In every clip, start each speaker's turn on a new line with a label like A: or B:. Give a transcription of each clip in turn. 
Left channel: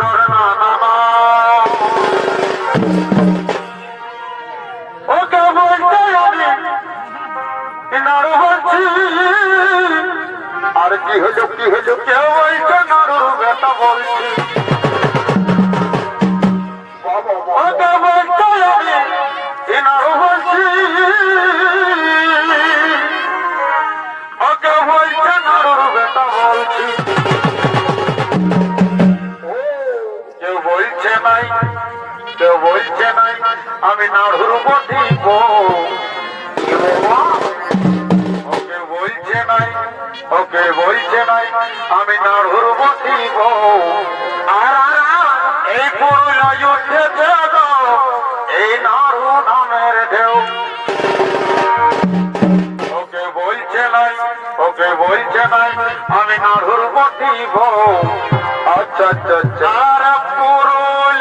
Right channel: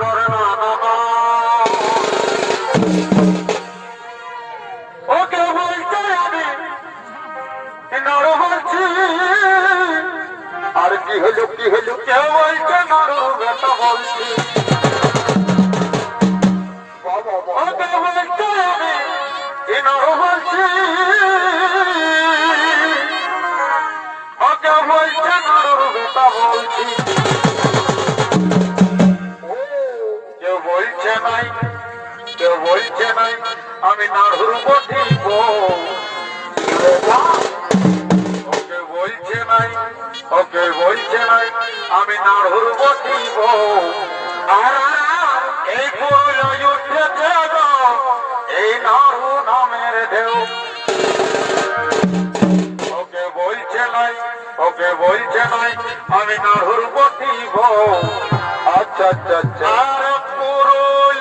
A: ধরে না বলছে নাই, আমি নাড়ুর উপর ওকে বলছে নাই, ওকে বলছে নাই, আমি নাড়ুর উপর আর এই পুরুলা যুদ্ধে এই নাড়ু নামের ঢেউ। ওকে বলছে নাই, ওকে বলছে নাই, আমি নাড়ুর উপর আচ্ছা আচ্ছা আচ্ছা। আর পুরুল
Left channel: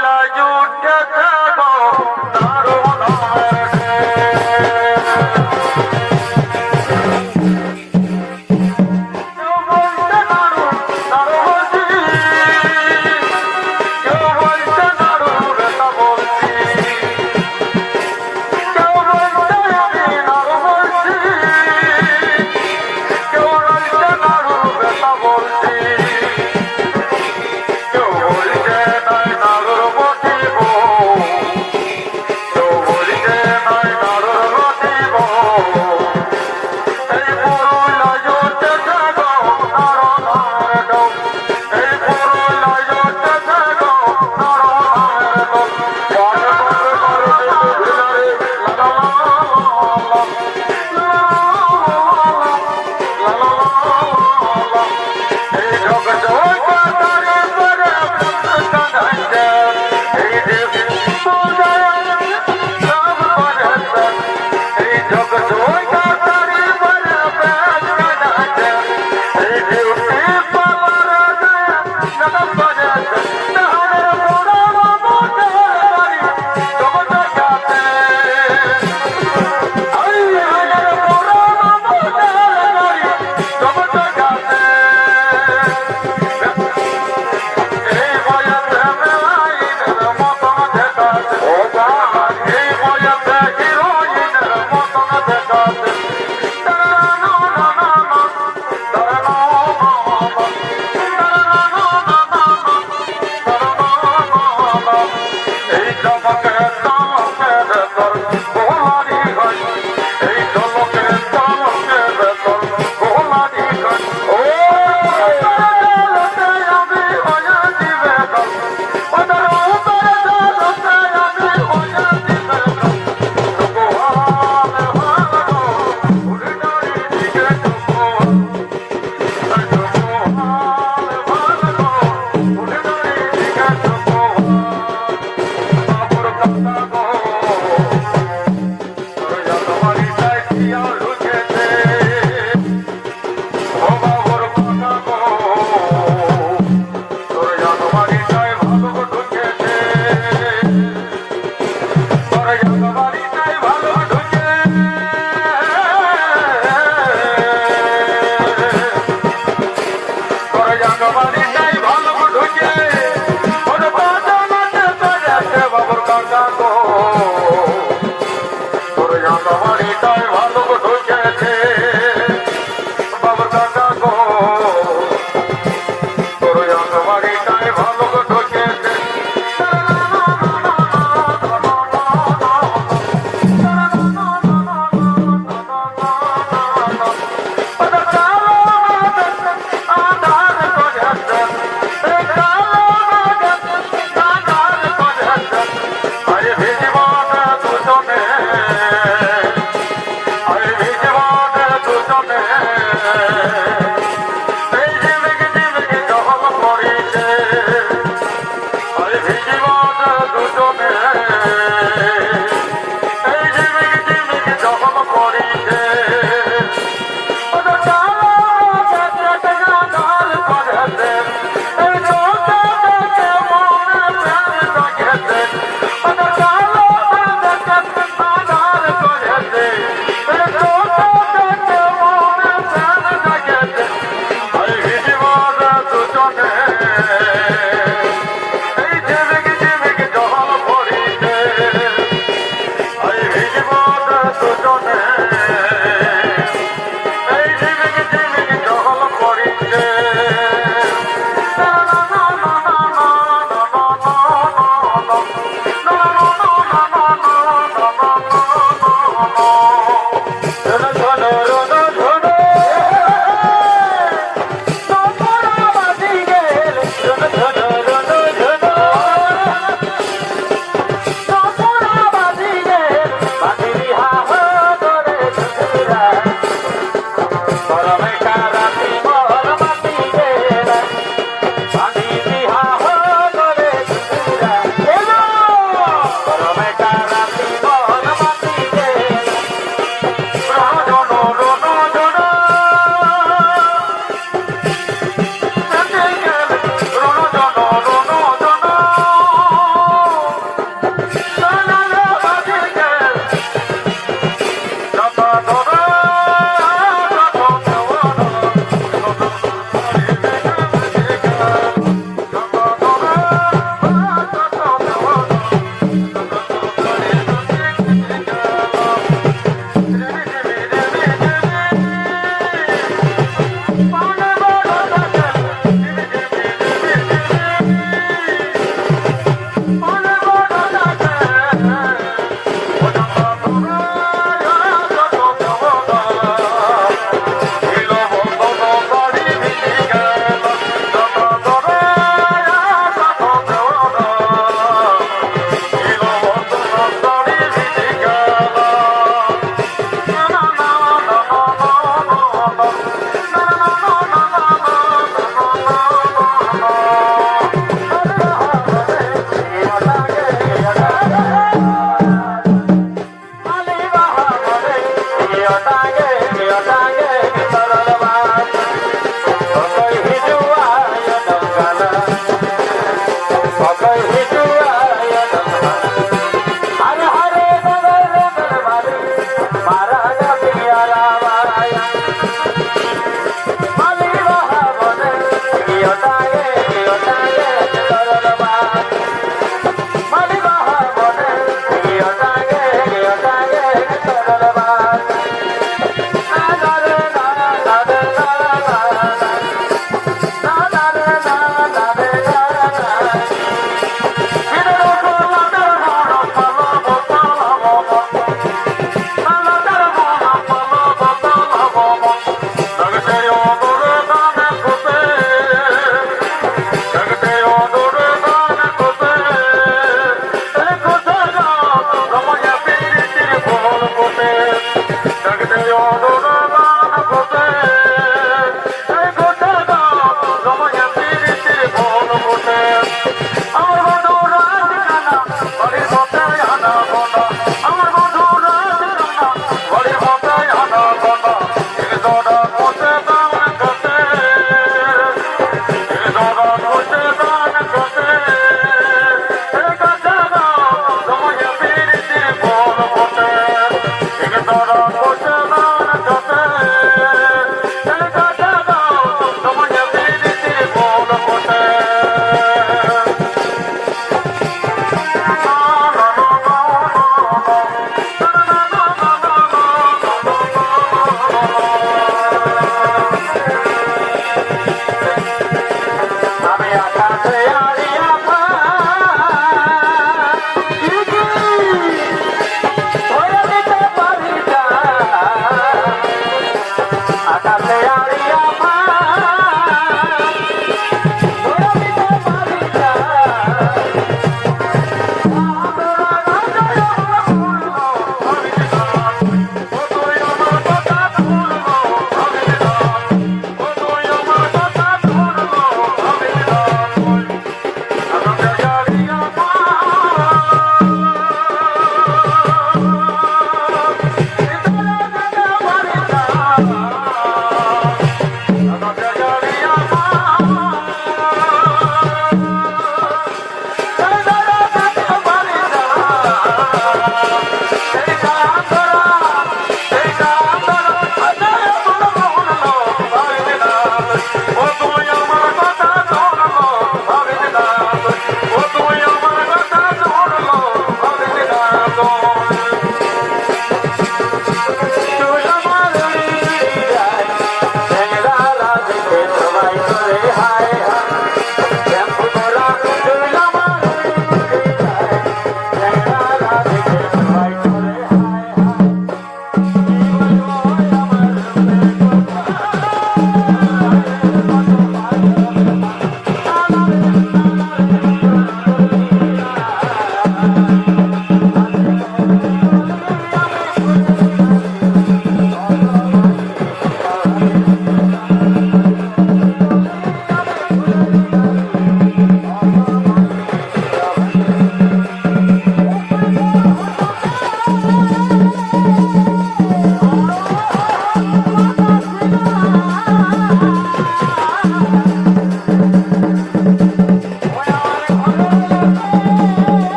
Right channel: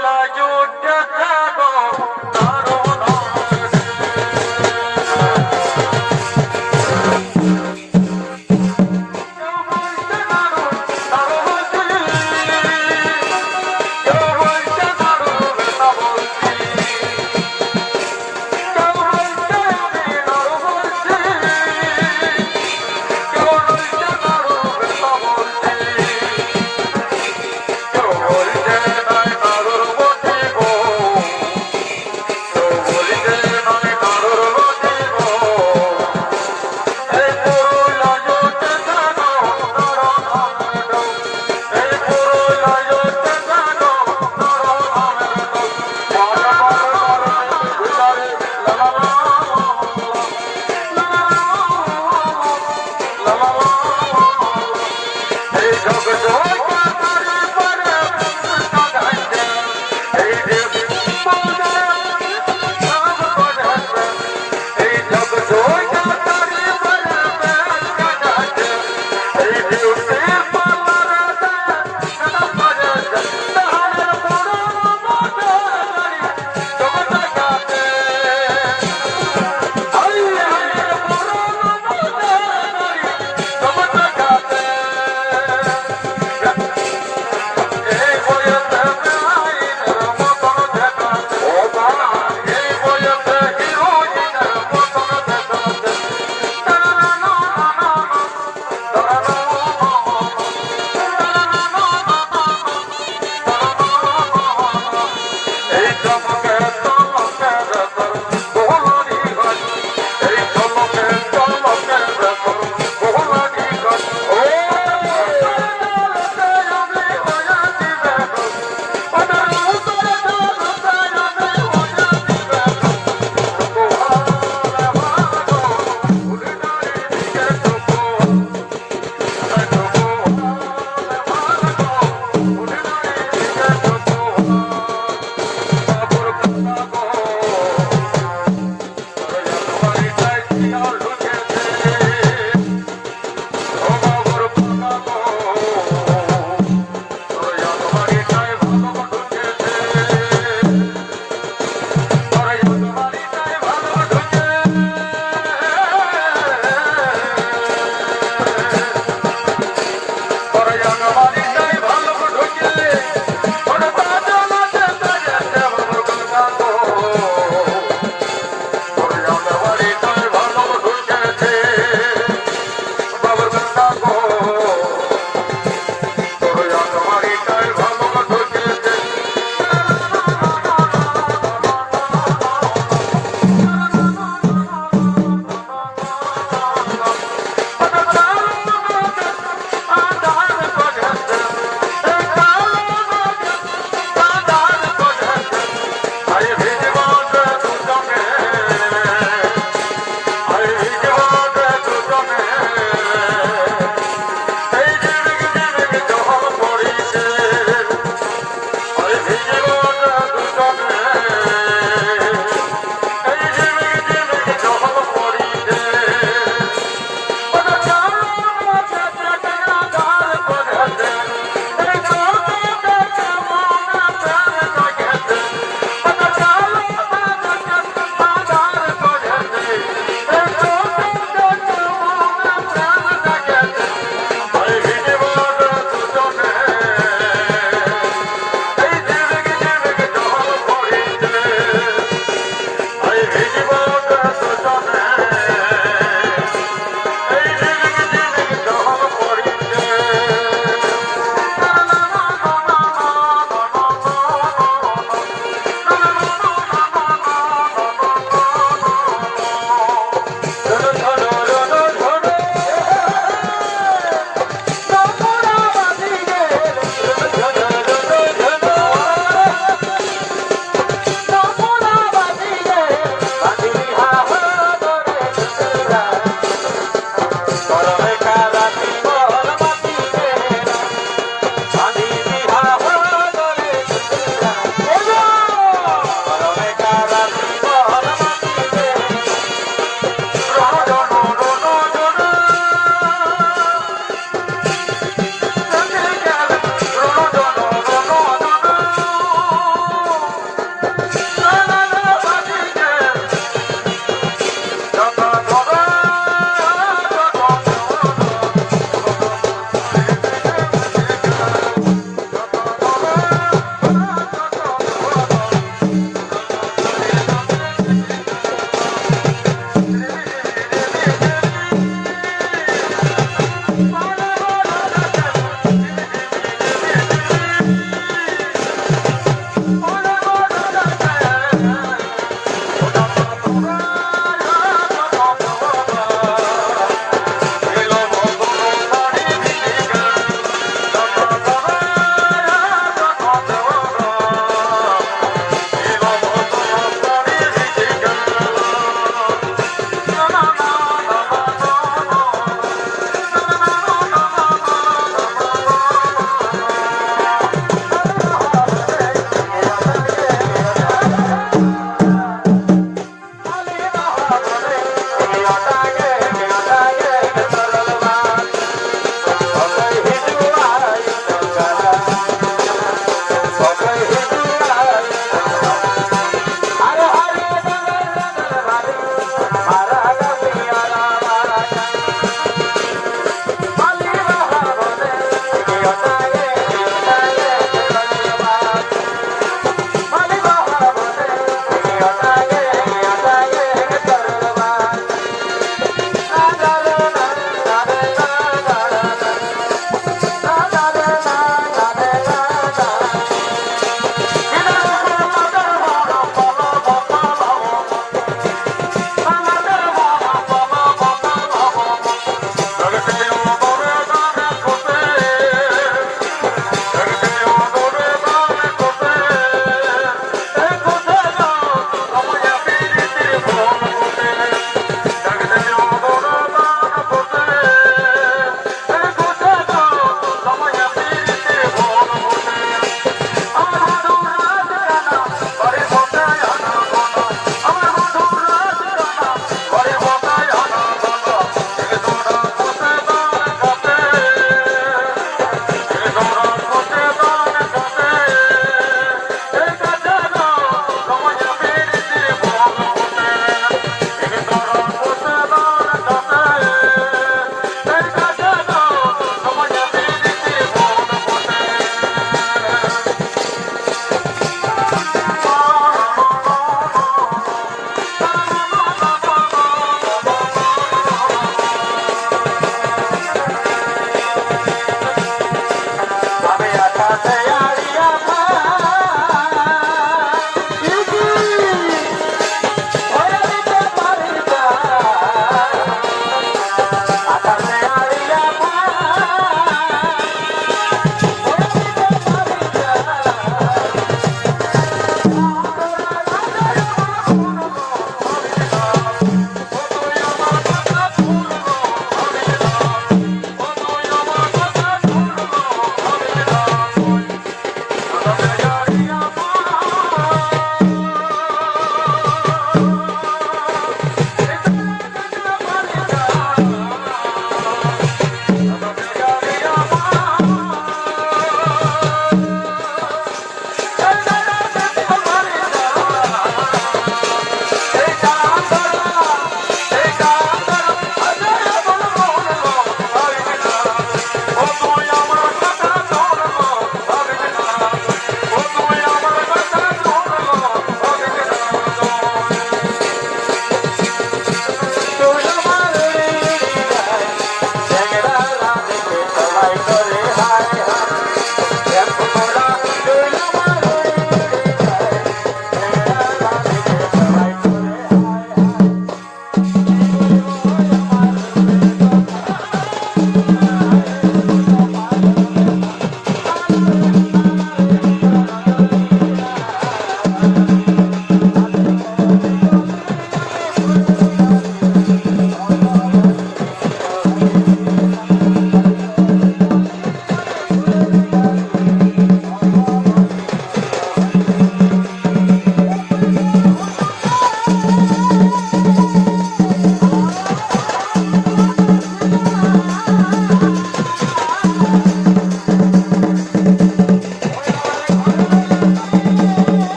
A: Here it comes.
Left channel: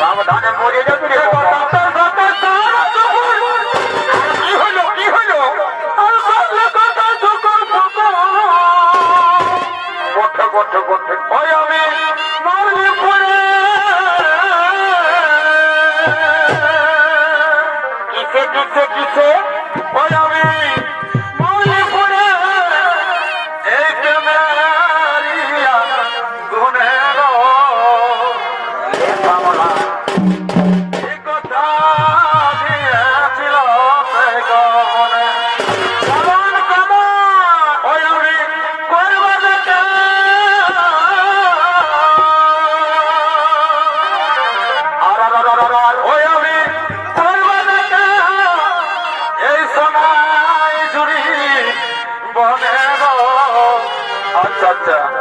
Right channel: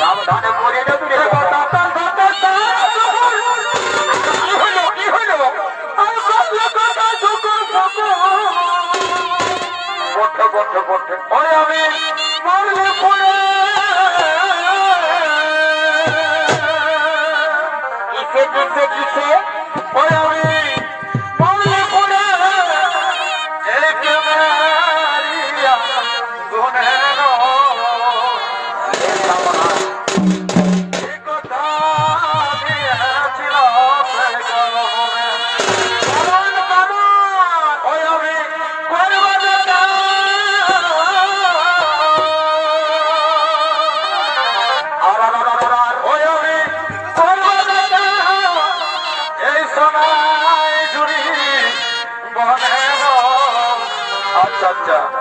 A: সাবধানে মরে যাবি রে ডাক্তার ডাক্তার কি হলো কি হলো বন্ধে বন্ধে বন্ধে। ওই আমি মারলে পড়ে কিসে কিসে কিসে? ওই আমি Doctor.